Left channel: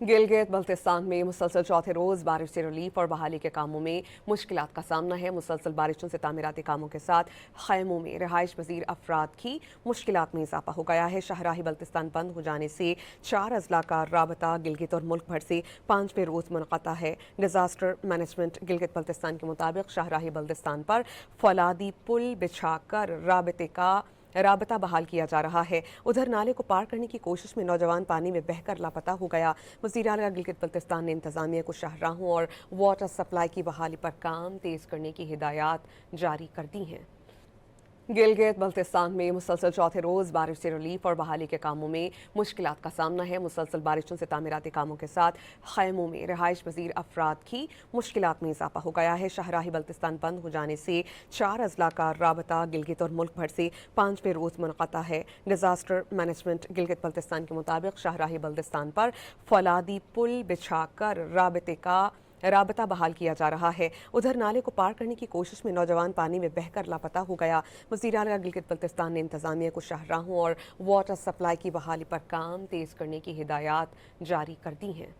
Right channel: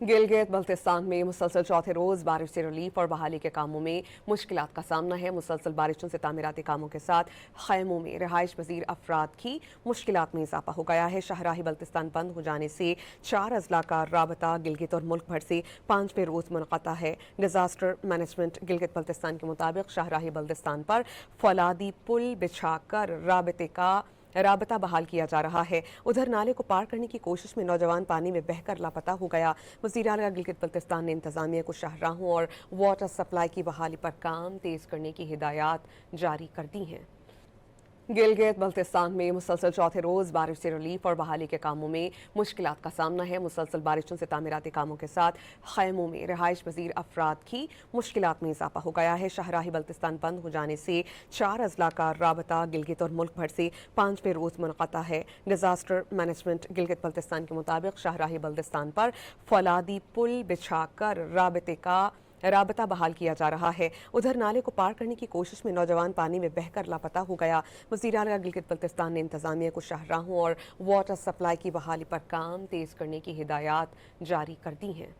गिलगित बल्तिस्तान में मुसलसल चौथे रोज बारिश से रिलीफ और बहाली के कामों में मुश्किलात का सामना है। मुसलसल बारिशों से तामीराती कामों के साथ खैमों में रिहाइश पजीर अफराद की मुश्किलात में इजाफा हो गया है। शाहराही बल्तिस्तान बंद हो जाने से 4 अजला का राबता गिलगित और मुल्क भर से 5वें रोज मुनक़ता है। डिजास्टर मैनेजमेंट गिलगित बल्तिस्तान के मुताबिक शाहराही बल्तिस्तान पर फौलादी पुल बिछाकर राबता बहाल किया जा रहा है। उधर नाले को पार करने की कोशिश में नौजवान पानी में बहकर लापता हो गया। वज़ीर आला गिलगित बल्तिस्तान ने इंतजामिया को शाहराहों और वाटर सप्लाई की बहाली पर काम तेज करने की हिदायत जारी कर दी हैं। गिलगित बल्तिस्तान में मुसलसल चौथे रोज बारिश से रिलीफ और बहाली के कामों में मुश्किलात का सामना है। मुसलसल बारिशों से तामीराती कामों के साथ खैमों में रिहाइश पजीर अफराद की मुश्किलात में इजाफा हो गया है। शाहराही बल्तिस्तान बंद हो जाने से 4 अजला का राबता गिलगित और मुल्क भर से 5वें रोज मुनक़ता है। डिजास्टर मैनेजमेंट गिलगित बल्तिस्तान के मुताबिक शाहराही बल्तिस्तान पर फौलादी पुल बिछाकर राबता बहाल किया जा रहा है। उधर नाले को पार करने की कोशिश में नौजवान पानी में बहकर लापता हो गया। वज़ीर आला गिलगित बल्तिस्तान ने इंतजामिया को शाहराहों और वाटर सप्लाई की बहाली पर काम तेज करने की हिदायत जारी कर दी हैं।